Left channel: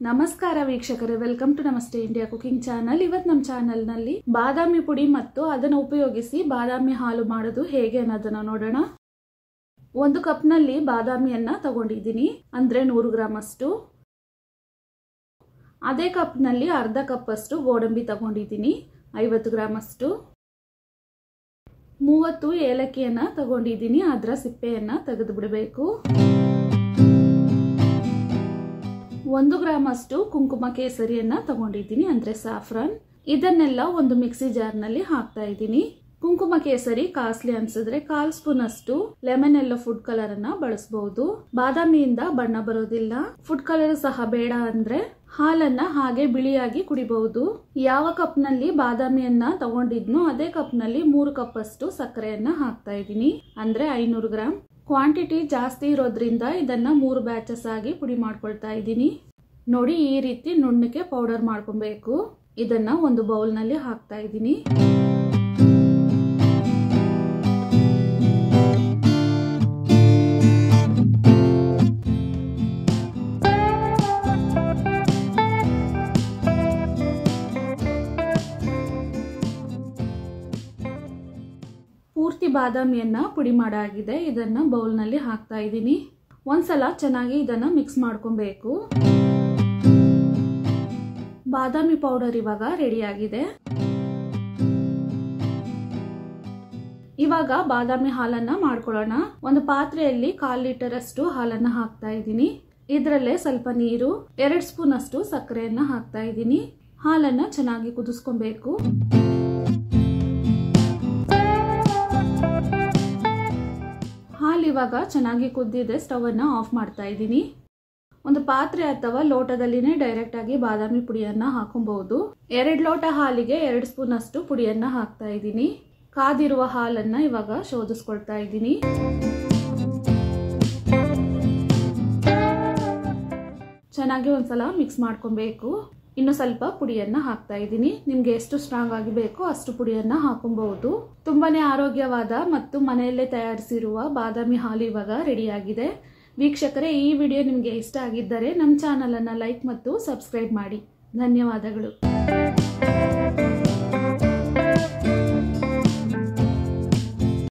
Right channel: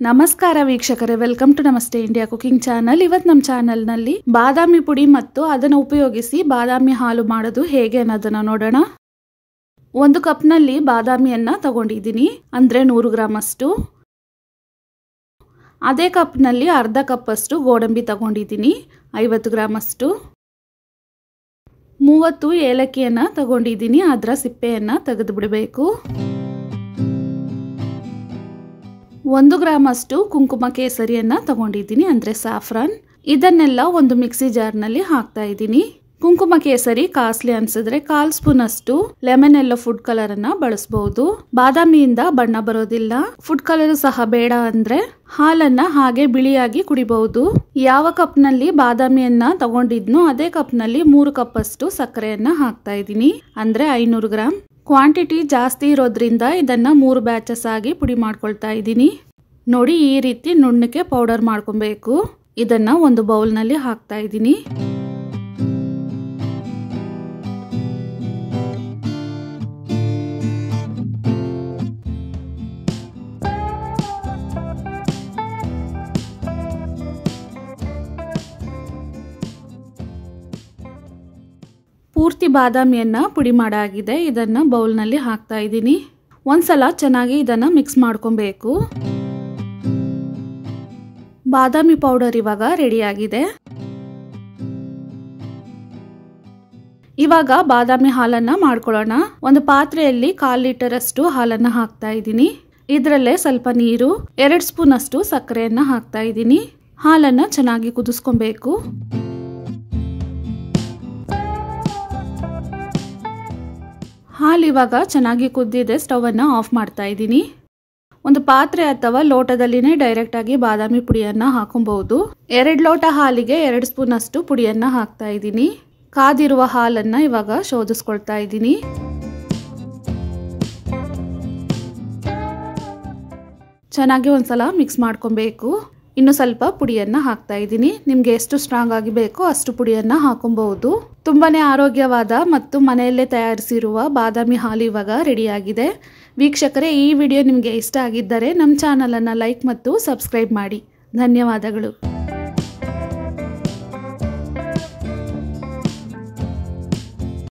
ನಮಸ್ಕಾರ ವೀಕ್ಷಕರೇ, welcome to ನಮಸ್ತೆ ಇಂಡಿಯಾ ಕುಕಿಂಗ್ ಚಾನಲ್. ಇವತ್ತು ನಮ್ಮ ಚಾನಲ್ನಲ್ಲಿ ಬಾದಾಮಿ ಪುಡಿ ಮತ್ತು ಅದನ್ನು ಉಪಯೋಗಿಸಿ ಬಾದಾಮಿ ಹಾಲು ಮಾಡೋದು ಹೇಗೆ ಅನ್ನೋದನ್ನು ನೋಡೋಣ. 1 ಕಪ್ನಲ್ಲಿ ಬಾದಾಮಿಯನ್ನು ತಗೊಂಡಿದ್ದೀನಿ, ಅಂದರೆ 100 ಗ್ರಾಮ್ ಅಷ್ಟು. ಅದೇ ಕಪ್ನಲ್ಲಿ ಅರ್ಧ ಕಪ್ ಅಷ್ಟು ಗೋಡಂಬಿ ತಗೊಂಡಿದ್ದೀನಿ, 50 ಗ್ರಾಮ್ ಅಷ್ಟು. 30 ಏಲಕ್ಕಿಯನ್ನು ತಗೊಂಡಿದ್ದೀನಿ, ಅದರ ಸಿಪ್ಪೆಯನ್ನು ತೆಗೆದು ಬಿಡಬೇಕು. 1 ಗ್ರಾಮ್ ಅಷ್ಟು ಕುಂಕುಮ ಕೇಸರಿಯನ್ನು ತಗೊಂಡಿದ್ದೀನಿ, ಅಂದರೆ ಸಾಫ್ರಾನ್. ಇದನ್ನೆಲ್ಲ ಒಂದು ಮಿಕ್ಸಿ ಜಾರ್ನಲ್ಲಿ ಹಾಕ್ತಾ ಇದ್ದೀನಿ. ಕುಂಕುಮ ಕೇಸರಿ ಕಾಸ್ಟ್ಲಿ ಅನ್ಸಿದ್ರೆ 1/4 ಸ್ಪೂನ್ ಅಷ್ಟು ಲೆಮನ್ ಎಲ್ಲೋ ಫುಡ್ ಕಲರ್ ಅನ್ನ ಬಳಸಬಹುದು. ಬಾದಾಮಿಯಿಂದ ಬಣ್ಣ ಬರೋದಿಲ್ಲ. ಫುಡ್ ಕಲರ್ ಸಹ ಬೇಡ ಅಂದ್ರೆ ಹಾಲನ್ನ ಹಾಗೆ ಬಿಳಿಯಾಗಿ ಕುಡಿಬಹುದು. ಯಾವ ಕಪ್ನಲ್ಲಿ ಬಾದಾಮಿಯನ್ನ ತಗೊಂಡಿದ್ನೋ ಅದೇ ಕಪ್ನಲ್ಲಿ 3 ಕಪ್ ಅಷ್ಟು ಸಕ್ಕರೆಯನ್ನ ಹಾಕ್ತಾ ಇದ್ದೀನಿ, ಅಂದ್ರೆ 500 ಗ್ರಾಮ್. ಕ್ವಾಂಟಿಟಿ ಜಾಸ್ತಿ ಇರೋದ್ರಿಂದ ಇದನ್ನ 3 ಬ್ಯಾಚಸ್ ಆಗಿ ಪುಡಿ ಮಾಡ್ಕೊಳ್ತಾ ಇದ್ದೀನಿ. ನೋಡಿ, ಈ ರೀತಿ ನುಣ್ಣಕ್ಕೆ ಪೌಡರ್ ಮಾಡ್ಕೊಬೇಕು. ಇದನ್ನ ಒಂದು ಬೌಲ್ನಲ್ಲಿ ಹಾಕ್ತಾ ಇದ್ದೀನಿ. ಪೂರ್ತಿ ಬಾದಾಮಿಯನ್ನ ಪುಡಿ ಮಾಡಾಗಿದೆ. ಇದನ್ನ ಬೌಲ್ನಲ್ಲಿ ಹಾಕ್ತಾ ಇದ್ದೀನಿ. ಒಂದ್ಸಲ ಚೆನ್ನಾಗಿ ಇದನ್ನ ಮಿಕ್ಸ್ ಮಾಡ್ಕೊಬೇಕು. ಬಾದಾಮಿ ಪೌಡರ್ ಇವಾಗ ರೆಡಿ ಆಗಿದೆ. ಇವಾಗ ಬಾದಾಮಿ ಹಾಲನ್ನ ಮಾಡ್ಕೊಳ್ಳೋಣ. ಒಂದು ಪಾತ್ರೆಯಲ್ಲಿ 1/4 ಲೀಟರ್ ಅಷ್ಟು ಹಾಲನ್ನ ಹಾಕ್ತಾ ಇದ್ದೀನಿ. ಇದರಲ್ಲೇ ಸ್ವಲ್ಪ ನೀರು, 2 ಸ್ಪೂನ್ ಅಷ್ಟು ಸಕ್ಕರೆಯನ್ನ ಹಾಕ್ತಾ ಇದ್ದೀನಿ. ಹಾಲನ್ನ ಚೆನ್ನಾಗಿ ಕುದಿಸ್ಕೊಬೇಕು. ಹಾಲು ಇವಾಗ ಚೆನ್ನಾಗಿ ಕುದ್ದಿದೆ. ಸ್ಟವ್ ಅನ್ನ ಆಫ್ ಮಾಡ್ತಾ ಇದ್ದೀನಿ. ಒಂದು ಪಾತ್ರೆ ಅಥವಾ ಲೋಟದಲ್ಲಿನೇ ಡೈರೆಕ್ಟ್ ಆಗಿ ಬಾದಾಮಿ ಪುಡಿಯನ್ನ ಹಾಕೊಬಹುದು. 2 ಲೋಟ ಹಾಲಿಗೆ 2 ಸ್ಪೂನ್ ಅಷ್ಟು ಪುಡಿಯನ್ನ ಹಾಕ್ತಾ ಇದ್ದೀನಿ. ಕಾದಿರುವ ಹಾಲನ್ನ ಇವಾಗ ಶೋಧಿಸ್ಕೊಳ್ತಾ ಇದ್ದೀನಿ. ಚೆನ್ನಾಗಿ ಒಂದ್ಸಲ ಮಿಕ್ಸ್ ಮಾಡ್ಕೊಬೇಕು. ಇನ್ನು ಸ್ವಲ್ಪ ಪುಡಿಯನ್ನ ಹಾಕ್ತಾ ಇದ್ದೀನಿ. ನಿಮ್ಗೆ ಎಷ್ಟು ಸ್ಟ್ರಾಂಗ್ ಆಗಿ ಬೇಕೋ ಅಷ್ಟು ಪುಡಿಯನ್ನ ಹಾಕೊಬಹುದು. ತುಂಬಾನೇ ಆರೋಗ್ಯವಾದ ಮತ್ತು ಮನೆಯಲ್ಲೇ ತಯಾರಿಸಿರುವ ಬಾದಾಮಿ ಹಾಲು ಇವಾಗ ರೆಡಿ ಆಗಿದೆ. ವೀಕ್ಷಕರೇ, ಈ ವಿಡಿಯೋ ನಿಮಗೆ ಇಷ್ಟ ಆಗಿದ್ದರೆ ನಮ್ಮ ಚಾನಲ್ ಅನ್ನು ಲೈಕ್ ಮತ್ತು ಸಬ್ಸ್ಕ್ರೈಬ್ ಮಾಡಿ. ಧನ್ಯವಾದಗಳು.